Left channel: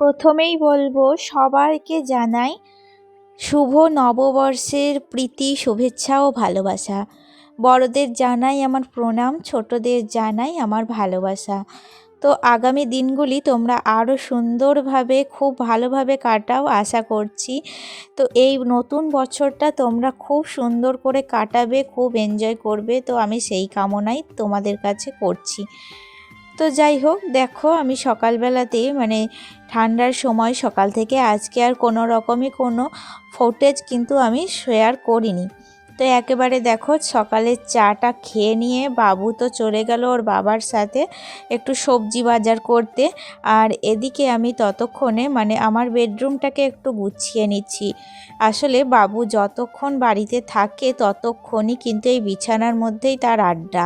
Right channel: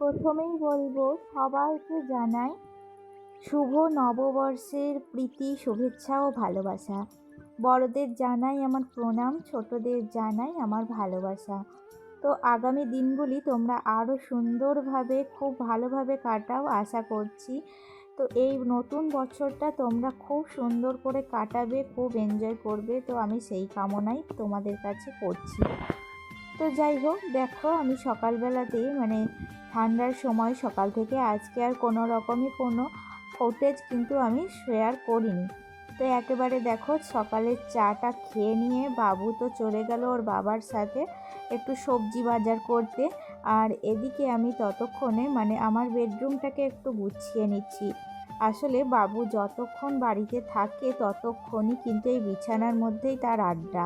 প্রথমেই বলবো সবাইকে জানাই শুভ নববর্ষের প্রীতি, শুভেচ্ছা ও ভালোবাসা। বড়দের জানাই আমার প্রণাম, ছোটদের জানাই আমার ভালোবাসা। তো আগামী দিনগুলি তোমরা আরও সুন্দরভাবে, খুব ভালোভাবে কাটাও আশা করছি। তো এই নতুন বছরটা তোমরা খুব সুন্দর করে কাটাবে, খুব এনজয় করবে। তো আমি সেই কামনাই তোমাদের কাছে করছি। তো যাই হোক, দেখো আমি সকালবেলাতে ঠান্ডার সময় সকাল থেকে আজকে আর কোনো রকমই কোনো ফুটেজ কিন্তু আমি শেয়ার করিনি। তো একেবারে দেখো সকালের চাটা খেয়ে নিয়ে বাবু তো চলে গেল ওর বাবার সাথে একটু সবজি বাজার করতে। আর এদিকে আমি ততক্ষণে আমার বেডরুমটাকে একটু গুছিয়ে নিচ্ছি। আসলে বাবু যতক্ষণ বাড়িতে থাকে ততক্ষণই কিন্তু এই বিছানার মধ্যেই তার আড্ডা।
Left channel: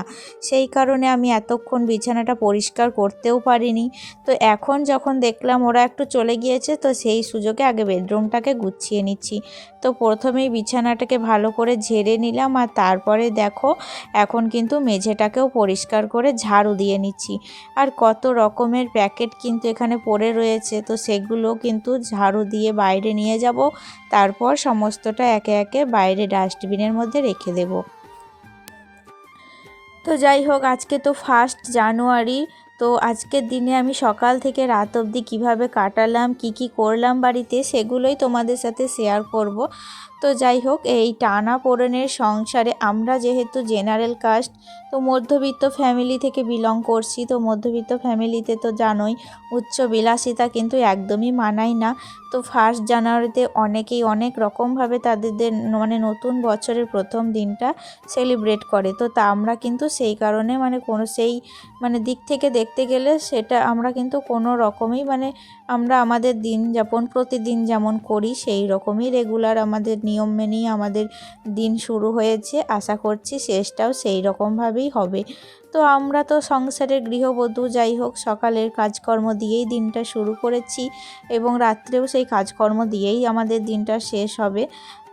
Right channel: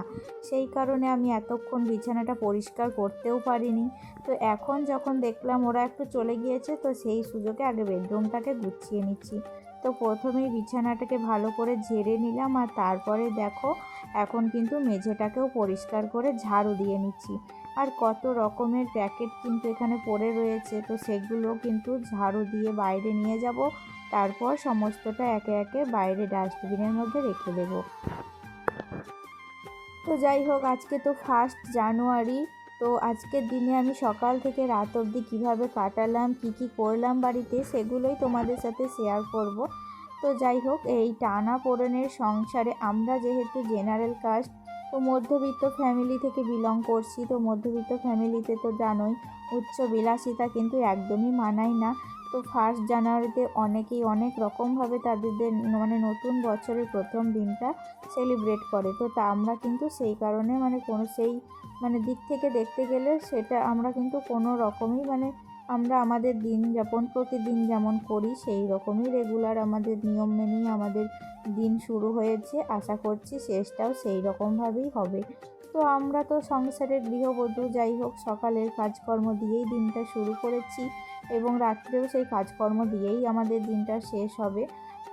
সেই কারণে আমি এতক্ষণ বিছানাটা পরিষ্কার করতেও পারিনি। তো এখন যখন দেখলাম ওরা একটু চলে গিয়েছে, তো সেই সুযোগে আগে বেডরুমটাকে গুছিয়ে নিচ্ছি। তো প্রথমেই বিছানাটাকে ভালো করে ঝেড়ে নিলাম, আর তারপরে দেখো এখন কিন্তু মেঝেটাকেও পরিষ্কার করে ঝাড়ু দিয়ে নিচ্ছি। আর কত রকমের প্যাকেট কিন্তু এখানে পড়ে রয়েছে, তো সেগুলো কিন্তু ঝাড়ু দিয়ে বাইরে নিয়ে যাব। তারপর সমস্তটা একে একে বাইরে ডাস্টবিনের মধ্যে রেখে দেব। তো যাই হোক, আজকে তো 1 জানুয়ারি। তো আজকের দিনে আমি সকাল থেকে রাত অবধি কীভাবে কাটালাম, কি করলাম বাড়িতে, সেগুলোই তোমাদের সাথে শেয়ার করব। তো যাই হোক, এই টানাপোড়েনের সংসারে আমরা যেহেতু জেনারেল কাস্ট, তো মধ্যবিত্ত ফ্যামিলি থেকে বিলং করছি। তো মধ্যবিত্ত ফ্যামিলিতে তো জানোই উচ্চ বিলাসিতা কিন্তু একদমই মানায় না। তো 1 জানুয়ারিতে অনেকেই অনেক রকমভাবে তাদের নতুন বছরের প্রথম দিনটা সেলিব্রেট করে। তো আমরা কিন্তু সেই কারণে কোনো সেই দিক থেকে দেখতে গেলে সেটা আমরা কিন্তু কোনো রকমই আমরা আমাদের দিন যাপন প্রতিদিন যেমন করি সেই রকমই রেগুলার আমাদের নিয়ম মেনেই আমাদের দিন শুরু হয়েছে। আশা করছি শেষটাও সেই রকমভাবেই হবে। তো আমরা তো সংসারের গৃহবধূ, যাই হোক সকালের কাজকর্ম দিয়েই দিনটা শুরু করেছি এবং রাত্রেও সেই কাজকর্ম দিয়েই আমাদের দিনটা শেষ হবে।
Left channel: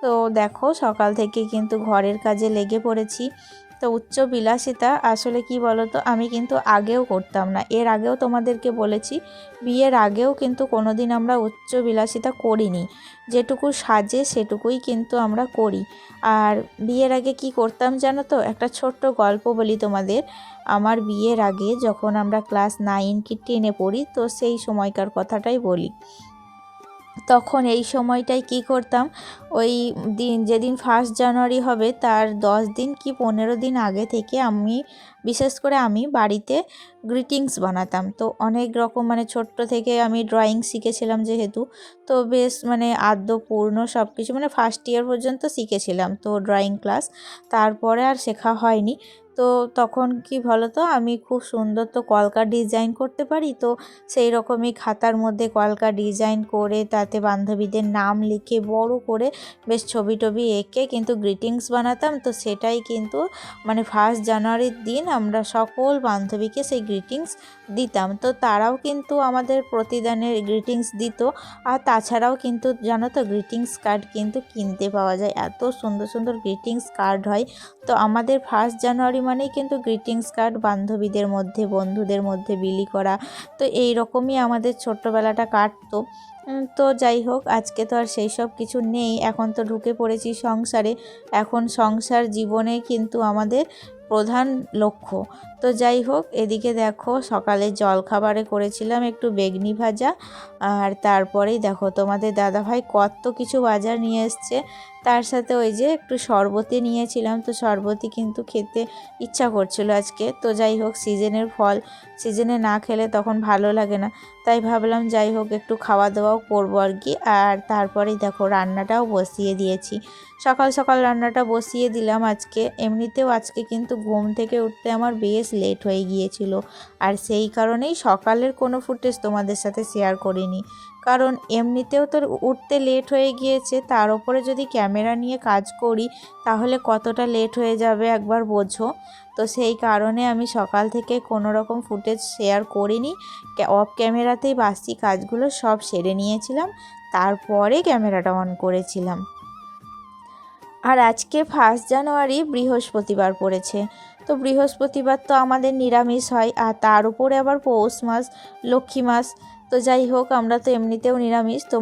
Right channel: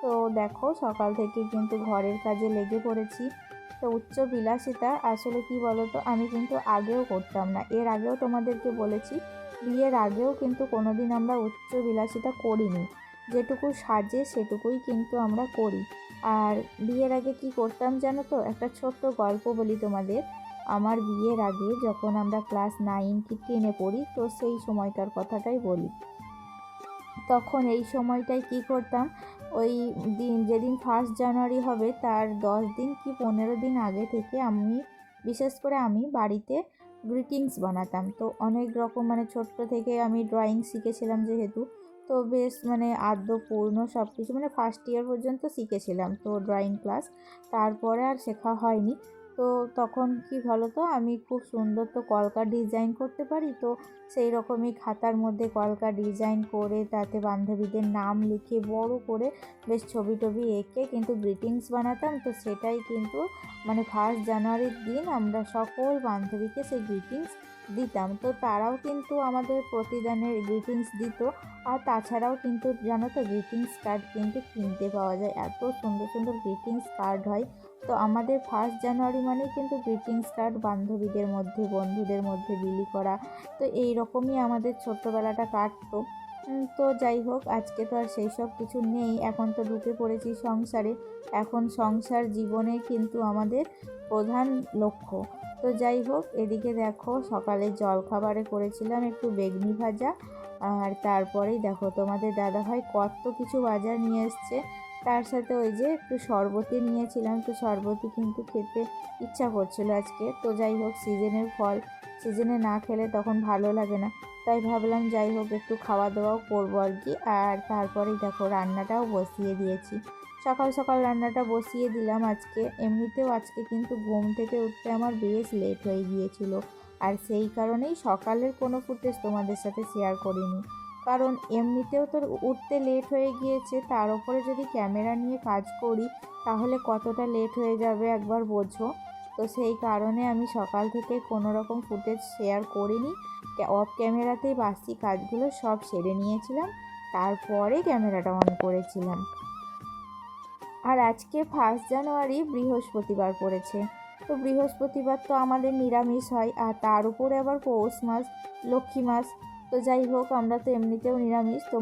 তো দেখো সকাল থেকে কিন্তু ঘরের কাজে লেগে পড়েছি। তো উচ্চ বিলাসিতা আসলে কি বলো তো, আমি কিন্তু আগেও করতাম না। এর আগেও তোমাদেরকে বলেছি, বিয়ের আগেও কিন্তু কোনো দিন আমরা উচ্চ বিলাসিতা করিনি। যেটুকু সাজে সেটুকুই কিন্তু আমরা করি। আর বিয়ের আগে কি করতাম জানো তো, একটা ছোট্ট গল্প বলি তোমাদের। আমার বিয়ের আগে যখন আমরা ক্লাস 9 কি 10-এ পড়ি, তো সেই সময়কার কথাটাই বলি। তখন এই সময়টায় কি করতাম, ওই দিন যেদিন 1 জানুয়ারি হবে তার 10 দিন কি 15 দিন আগে থেকে বিশেষ করে আমি বাড়িতে গ্রিটিংস বানাতাম। তো অনেক রকম ছোট্ট থেকে আমি ড্রয়িং শিখেছিলাম যেহেতু, তো বেশ আদ্য পূর্ণ সব কিছু 1st ইয়ার পর্যন্ত শিখেছিলাম তো ড্রয়িং ক্লাস। তারপরে আর শেখা হয়নি। তো তখন কি বলো তো, আমি খুব সুন্দর তো কলকা ডিজাইন করতে পারি। তো সেই রকমই খাতার মধ্যে কলকা ডিজাইন করে তাতে বান্ধবীদের নাম লিখে বড় করে বেশ ছবি টবি এঁকে কিন্তু গ্রিটিংস বানাতাম। তো সেটাই কিন্তু 1 জানুয়ারির দিন আমরা সকল বান্ধবীকে সেই গ্রিটিংস দিতাম। তো তারাও কিন্তু আমাদের প্রতিদানের গ্রিটিংস দিত। আর তাছাড়াও কিন্তু জানো তো গ্রিটিংস কার্ড কিন্তু কিনতে পাওয়া যায়, এত সুন্দর সুন্দর গ্রিটিংস কার্ড হয়। তো আমাদের 1 জানুয়ারি মানেই কিন্তু গ্রিটিংস কার্ড বান্ধবীদের মধ্যে, বন্ধুদের মধ্যে বিলি করা। তো এই রকমই আমাদের ছোট্টবেলাটা কাটতো। তো যাই হোক, আজকে তো আর সেই সব কিছু নেই। এখন তো ঢুকে পড়েছি সংসারে। এখন সংসার জীবনে কিন্তু আমাদের প্রধান লক্ষ্য। তো যাই হোক, এদিকে দেখো সকালে জলখাবারে করেছিলাম একটু বেগনি ভাজা। আর তারপরেই দেখো তোমাদের দাদাভাই কত কিছু বাজার নিয়ে এসছে। তার সাথে ওই যে একটু শরবতি নিয়েছিলাম। তো শরবতি কিন্তু খেতে ইচ্ছা করছিল আজকে। তো যাই হোক, সিজনের ফল সিজনে না খেলে তখন ভালো লাগে না। তাই ভাবলাম যাই হোক একটু খাওয়া দাওয়াও করবো আর কি। আর তারপরেই দেখো রান্নাটাও বসিয়ে দিয়েছি। সকাল সকাল রান্নাটা বসিয়ে দিলাম আজকে। এমনিতেও আজকে কিন্তু ঘুম থেকে উঠতে আমার বেশ লেট হয়ে গিয়েছিল। আর সেই কারণেই সকালের কোনো ফুটেজ তোমাদের সাথে শেয়ার করিনি। কারণ এমনিতেও তো উঠতে লেট হয়ে গিয়েছে, তার উপরে যদি ক্যামেরা নিয়ে কাজ করি তাহলে কতটা লেট হয়ে যাবে একবার বোঝো। তো সেই কারণে আমি সকাল থেকে কোনো রকম ফুটেজ শেয়ার করিনি। অফ ক্যামেরাতেই বাসি কাজগুলো সব সেরে নিয়েছিলাম, তারপরে ক্যামেরাটা অন করেছিলাম। আর আজকে 1 জানুয়ারি বৃহস্পতিবার পড়েছে। তো বৃহস্পতিবার তো আমাদের নিরামিষ হয়। আর তার উপরে আবার পৌষ মাস, লক্ষ্মী মাস। তো যাই হোক, আমরা তো এমনিতেও নিরামিষ, তো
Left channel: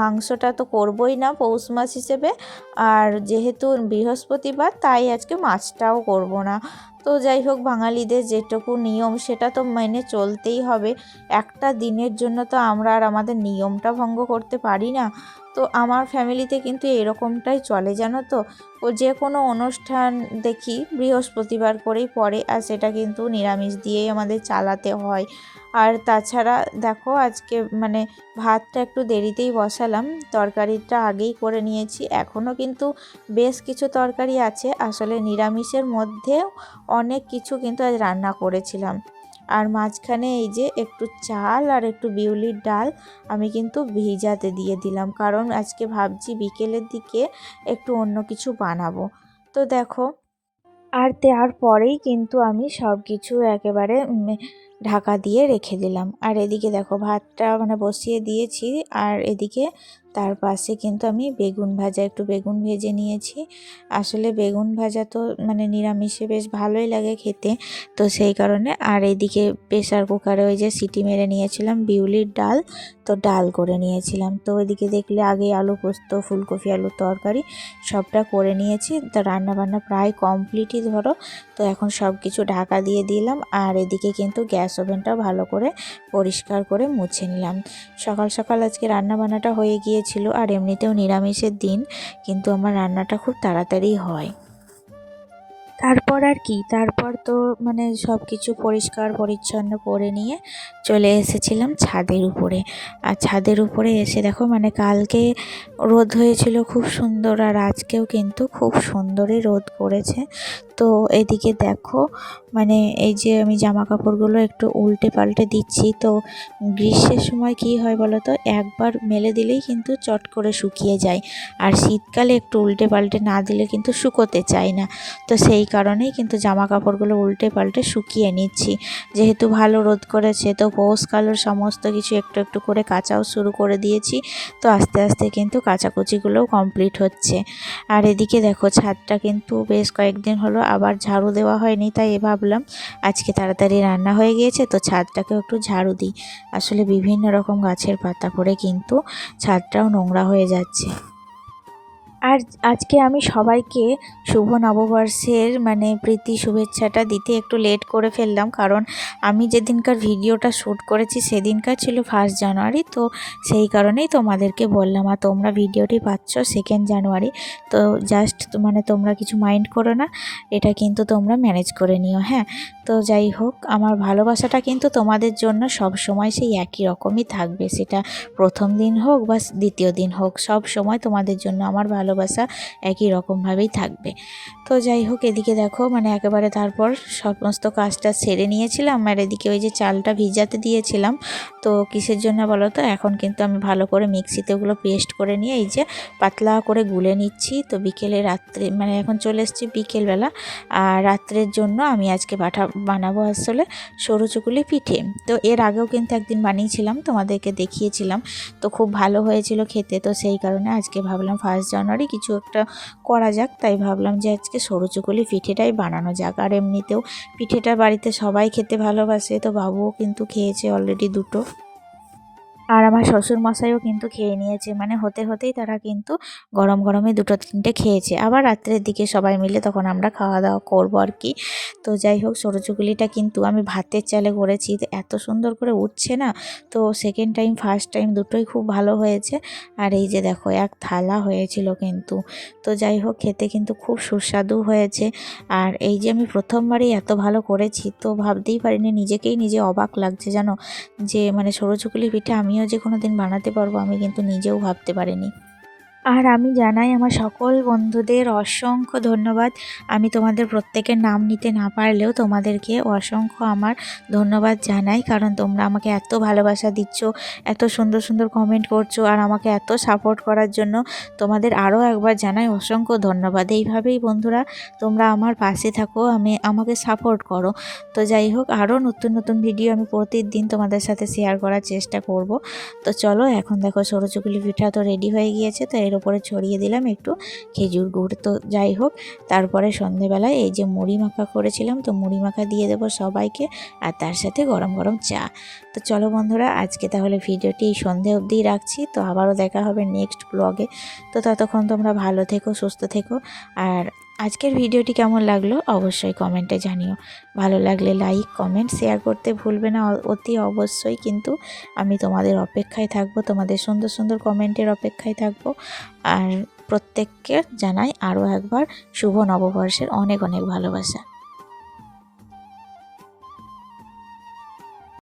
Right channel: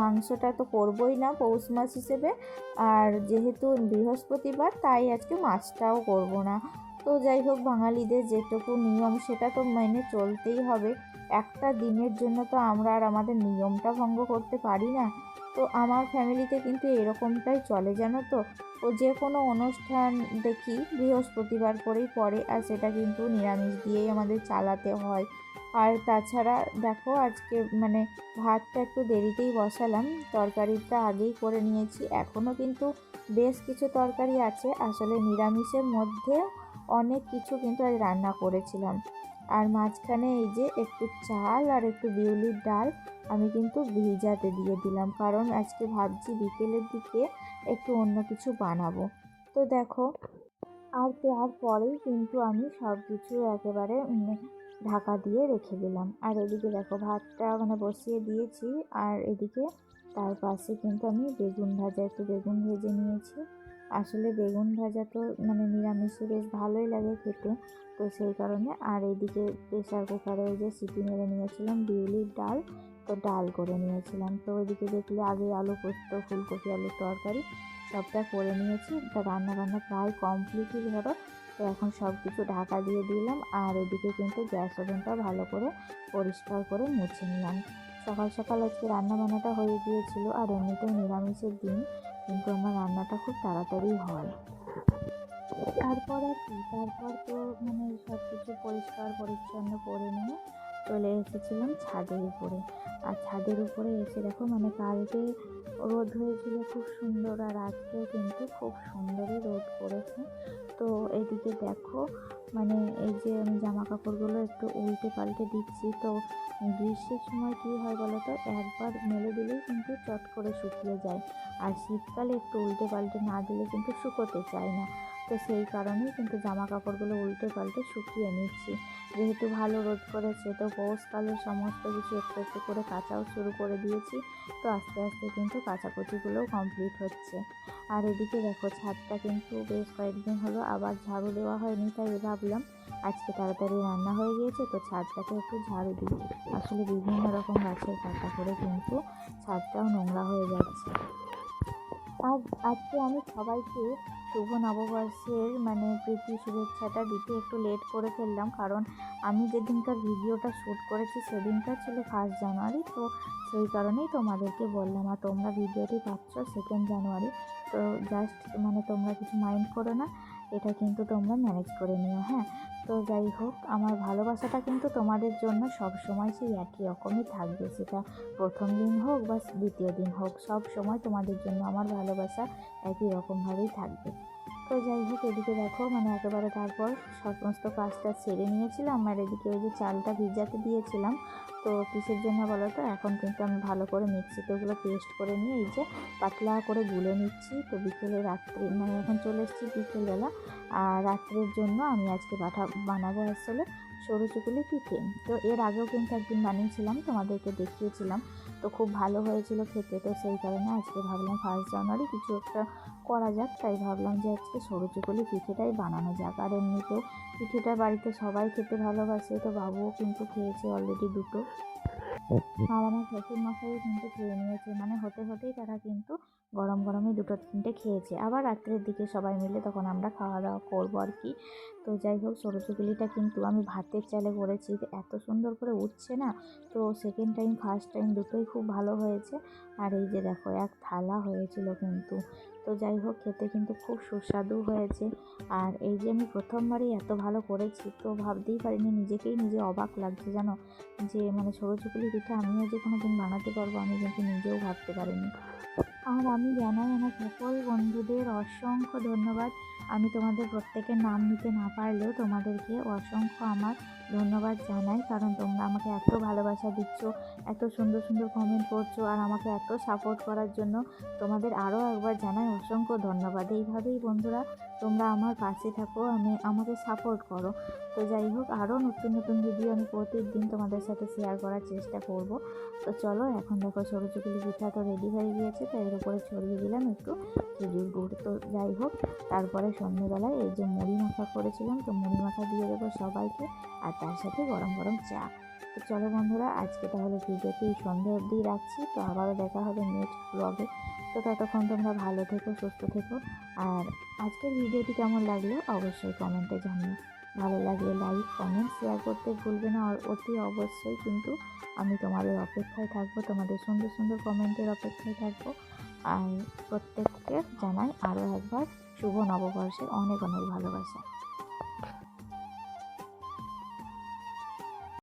মাংসটা তো করবই না পৌষ মাস হিসেবে, আর যেহেতু বৃহস্পতিবার তাই আজকে মাছটাও করব না। তো যাই হোক, বাঙালিদের যেটুকু নিয়ম সেটা তো মেনে চলতেই হবে। একটা দিনের জন্য তো আমরা আর আমাদের নিয়মটা ভঙ্গ করতে পারি না। তো আমার ফ্যামিলিতে কিন্তু এরকমটাই চলে, জানো তো। ও যে কোনো অনুষ্ঠান দেখি বৃহস্পতিবার করেই পড়ে, আর সেটা কিন্তু নিরামিষ দিয়েই আমাদের চালাতে হয়। আর তাছাড়া দেখো, আজকে মানে ভাতটা একটু দেরিতেই বসালাম, তরকারিটা আগেই করে নিয়েছি। এখনও কিন্তু বেশ কিছু তরকারি আছে, আসলে নিরামিষের মধ্যে অনেক কিছু কিন্তু আজ রান্না করেছিলাম। আর মাঝখানে এই যে একটু চাল আর একটু বিউলির ডাল আমি কিন্তু ভিজাতে দিয়ে দিলাম, কারণ আজকে ভাবছি বিকেলের দিকে একটু অন্য কিছু বানাবো। তো দেখো, আর দেওয়ার পরেই কিন্তু আমি সব কিছু একেবারে ঢাকা দিয়ে রেখে দিলাম। আর এদিকে দেখো, ভাতটা মানে বসিয়ে দিয়েছি, আর এদিকে তার পাশে কিন্তু আমি একটু বেগুন ভেজে নিয়েছি। আসলে বেগুন ভাজা তো মানে নিরামিষে বেশ ভালোই লাগে খেতে, তো সেই কারণে। আর এদিকে প্রেসার কুকারে ওই যে সিটি মেরে নিয়েছিলাম বিউলির ডাল, তো ডাল করে নিয়েছিলাম। তো এদিকে দেখলে আগে আলু পোস্ত, ফুলকপি আলুর তরকারি সবটা করে নিয়েছি। তো রান্নাবান্না প্রায় কমপ্লিটই ধরো। তো এখন সব কিছু ঢাকা দিয়ে দিলাম, আর এদিকে কিন্তু গ্যাস ওভেনটাও ভালো করে পরিষ্কার করে মুছে নিলাম। সকাল সকাল আজকে রান্নাবান্নাটা হয়ে গিয়েছিল, আর এমনিতেও নিরামিষের দিন কিন্তু আমার রান্নাটা খুব তাড়াতাড়ি হয়। তারপর আর কি, তারপর তো মানে সব কিছু পরিষ্কার পরিচ্ছন্ন করে নিয়ে চলে এসেছিলাম ছাদের উপরে। আর ছাদের উপরে এসে দেখো, মানে কালকে রোদ হয়েছিল খুব সুন্দর, আর আজকেও কিন্তু খুব সুন্দরই রোদ করেছে। তো এদিকে দেখো, মানে এই যে আমি জামা কাপড়গুলো একটু উল্টে পাল্টে দিচ্ছি। তো গ্রীষ্মের সময় কি হয় বলো তো, একবার মেলে দিলেই কিন্তু চট করে শুকিয়ে যায়, আর শীতকালে একটু উল্টে পাল্টে না দিলে কিন্তু শুকোতে চায় না। তো সেই কারণেই কিন্তু জামা কাপড়গুলো উল্টে পাল্টে শুকিয়ে নিচ্ছি। যেহেতু ভালো রোদ করেছে, তো পৌষকালের সমস্ত কিছু একটু একটু করে কাচাও শুরু করে দিয়েছি। তো আস্তে আস্তে কিন্তু কাচাকুচিগুলোও কমপ্লিট হচ্ছে। আর এদিকে দেখো, ছাদটা কিন্তু বেশ কয়েকদিন হলো আবার ঝাড়ু দেওয়া হয়নি, তাই ভাবলাম আজকে তাড়াতাড়ি রান্না হয়ে গিয়েছে তো ছাদটাকেও একটু ঝাড়ু দিই। আসলে বিভিন্ন রকম গাছের পাতা পড়ে কিন্তু ছাদটাও নোংরা হয়ে যাচ্ছে। আর আজকে আমি সবাইকে শুভ নববর্ষের মানে প্রীতি শুভেচ্ছাটা দিতে একটু লেট করে ফেললাম, কারণ আমি যেদিনকার ভিডিওটা শ্যুট করেছি সেদিনকার ছিল 1 জানুয়ারি। তো সেই কারণেই তোমাদেরকে বললাম, আর তোমরা ভিডিওটি পাচ্ছ 2 জানুয়ারি। তো জাস্ট মানে তোমরা কিছু মাইন্ড করো না, এটা কিন্তু তোমরা ম্যানেজ করে নিও, হ্যাঁ। তো যাই হোক, আমার ভালোবাসাটা কিন্তু তোমাদের জন্য সব সময় সেই একই রকমই থাকবে, সেটা প্রথম দিন হোক বা দ্বিতীয় দিন হোক, সব সময় তোমাদের জন্য আমার ভালোবাসা একই রকমভাবেই থাকবে। তো যাই হোক, এদিকে দেখো মানে একেবারে তারপর সমস্ত কাজটা সেরে নিয়েছিলাম, আর এদিকে ওই যে চালটা ভিজাতে দিয়েছিলাম, তো কিসের জন্য বলো তো, এখন কিন্তু আমি ভালো করে মিক্সিতে ওগুলো পেস্ট করে নিয়ে এই যে পাতলা করে গুলে নিচ্ছি। তো বিকেলে রাত্রে মানে এখন চলে এসেছি বিকেলবেলা, আর রাত্রের জন্য আমি আজকে বানাবো আসলে সরু চুকুলি পিঠে। তো এর আগেও কিন্তু একদিন বানিয়েছিলাম, তোমাদেরকে দেখিয়েছিলাম, তো খুব ভালো হয়েছিল খেতে। তো সেই কারণে আজকে ভাবলাম 1 জানুয়ারি কিছু একটা করা যাক, তাই ভাবলাম যে আজকে সরু চুকুলি পিঠেটাই বানানো যাক। আর এমনিতেও পিঠেটা বাড়িতে সবাই খেতে ভালোবাসে, তো বাবুও কিন্তু খেয়েছে অলরেডি 2টো, আর আমার শ্বশুরমশাইও কিন্তু খেয়ে নিয়েছে, মানে হতে হতেই তারা কিন্তু গরম গরমে 2-3টে খেয়েছে। আবার রাত্রের দিকে সবাই মিলে তখন আমরা খাওয়া দাওয়া করবো আর কি। তো যাই হোক, সরু চুকুলিটা কিন্তু আমি ভাতের চালে করেছি, তো এত সুন্দর করে উঠছে না। তো সেকেন্ড টাইম ফার্স্ট টাইম দুটোই খুব ভালো হয়েছে। আর এই যে দেখো, এক থালা হয়েছিল কিন্তু। তো যাই হোক, খেতে কিন্তু খুব সুস্বাদু হয়েছে। আর এই যে আমি প্রথমবারই এত ভালো করেছি, তো ভাবতেই পারিনি, নিজে অবাক লাগছে জানো, যে মানে সরু চুকুলি পিঠে আমিও যে কোনো দিন বানাতে পারবো আমি কিন্তু নিজেও ভাবতে পারিনি। আর আমি জানাই আমার সকল বন্ধুদের অসংখ্য ধন্যবাদ। আমি তোমাদের প্রত্যেকের নাম নিতে না পারলেও তোমাদেরকে অসংখ্য আমার ধন্যবাদ জানাই, কারণ তোমরা আমাকে এত ভালোবাসা দিচ্ছ, এত সুন্দর সুন্দর কমেন্ট করছো, আর আমাকে এত সাপোর্ট করার জন্য তোমাদের আরও একবার জানাই অসংখ্য ধন্যবাদ। এইভাবেই বন্ধুরা তোমরা আমার পাশে থাকো, আমাকে সাপোর্ট করো। তো যাই হোক, আরও নতুন নতুন ভিডিও আমি প্রতিদিন তোমাদের সাথে শেয়ার করার চেষ্টা করব। তো চলো, এখন দেখো সরু চুকুলি পিঠা তো রেডি হয়ে গিয়েছে। তো এর চায়ের ওপরে ছড়িয়ে দিলাম একটু খেজুর গুড়। তো যাই হোক, তারপরে সন্ধেবেলায় এই যে মুড়ি মাখা করেছিলাম, তো মুড়ি মাখা দিয়ে দেবো সবাইকে, আর তার সাথে গরম গরম চা। তো চলো বন্ধুরা, আজকে তাহলে ভিডিওটি এই সন্ধে অবধিই রাখছি। তো আবারও দেখা হবে নেক্সট ব্লগে। তো ততক্ষণ তোমরা ভালো থেকো, সুস্থ থেকো। আর আজকের ভিডিওটি কেমন লাগলো অবশ্যই কমেন্টে জানিও। ভালো লাগলে লাইক, কমেন্ট, শেয়ার করতে ভুলবে না অতি অবশ্যই। কিন্তু আমি তোমাদের অপেক্ষায় থাকবো, তোমাদের সুন্দর সুন্দর কমেন্টের অপেক্ষায় থাকবো। আর প্রত্যেককে জানাই আরও একবার শুভ নববর্ষের অনেক অনেক ভালোবাসা।